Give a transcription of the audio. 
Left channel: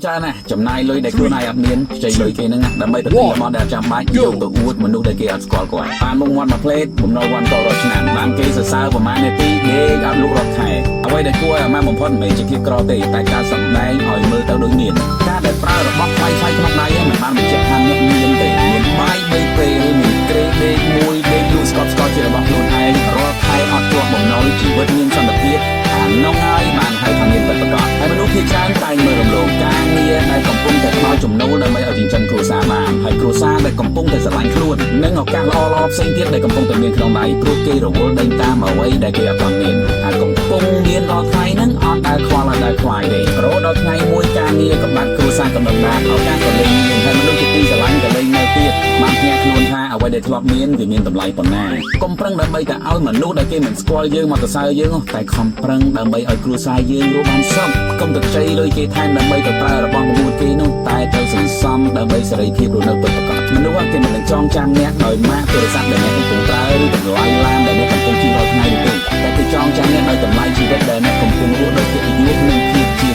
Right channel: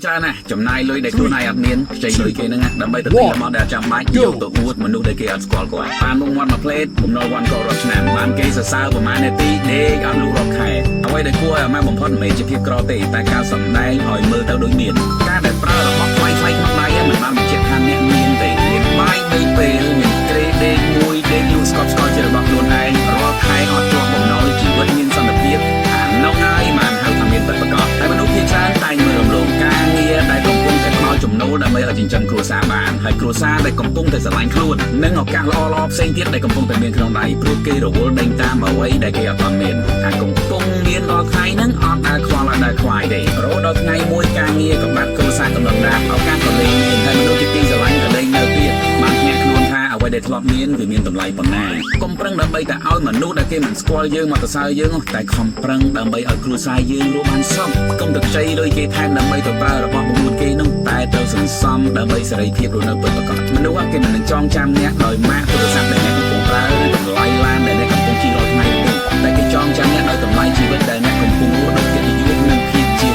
Cha này, chấm này lôi đểខ្លួនឯងអត់មានចេញលុយគេហ្នឹងដើម្បីទៅទិញរបស់ដែលចាំបាច់យកទៅអួតមនុស្សដែលគេអត់ស្គាល់គាត់បានមុខមាត់មួយផ្លេតបំណុលវ៉ាន់ក៏រត់ឆ្នាំបានគេសរសើរប្រហែលនាទីដេកអត់លក់រត់ខែអ្វីដែលគួរឲ្យអាម៉ាស់បំផុតមិនមែនជាភាពក្រទេតែការសម្ដែងឲ្យមើលទៅដូចមានការដែលប្រើរបស់ថ្លៃក្នុងដៃមិនបានបញ្ជាក់ថាអ្នកមានទេមានបាយ3ពេលមានក្រេដេកមួយដេកលក់ស្កប់ស្កល់ជារបស់ខ្លួនឯងរាល់ខែអត់ទាស់បំណុលជីវិតមានសន្តិភាពនោះហើយបានហៅថាមានបិទប្រកបហើយមនុស្សភាគច្រើនតែងមើលរំលងការងារដែលកំពុងតែផ្ដល់ចំណូលដើម្បីឲ្យចិញ្ចឹមគ្រួសារបានហើយគ្រួសារដែលកំពុងតែស្រឡាញ់ខ្លួននិងឱកាសល្អៗផ្សេងទៀតដែលកំពុងតែមានក្នុងដៃព្រោះគេរវល់ដេញតាមអ្វីដែលគេអត់បានមានហើយកំពុងមានដល់ថ្ងៃហ្នឹងអត់ដែលខ្វល់ដែលខ្វាយទេរហូតដល់ថ្ងៃមួយការងារក៏បាត់គ្រួសារក៏ដណ្ដាបឱកាសក៏លែងមានហើយមនុស្សជាទីស្រឡាញ់ក៏លែងនៅទៀតបានភ្ញាក់ខ្លួនថាអ្វីដែលធ្លាប់មានវាមានតម្លៃប៉ុណ្ណាកុំប្រឹងដើម្បីតែឲ្យមនុស្សដែលគេមិនស្គាល់យើងមកទៅសើយើងតែខំប្រឹងដើម្បីឲ្យគ្រួសារយើងរស់បានសុខកុំទៅខ្ចីលុយគេថែមដើម្បីទៅប្រើរបស់បង្រួតគេនោះតែត្រូវសន្សំដើម្បីសេរីភាពរស់នៅពិតប្រាកដមនុស្សគេមិននឹងចងចាំអ្នកដោយម៉ាកទូរស័ព្ទដែលអ្នកកំពុងប្រើឬតម្លៃឡានដែលអ្នកកំពុងជិះរាល់ថ្ងៃនោះទេតែគេចងចាំអ្នកដោយតម្លៃជីវិតដែលអ្នកកំពុងរស់ដោយកិត្តិយសនិងភាពជា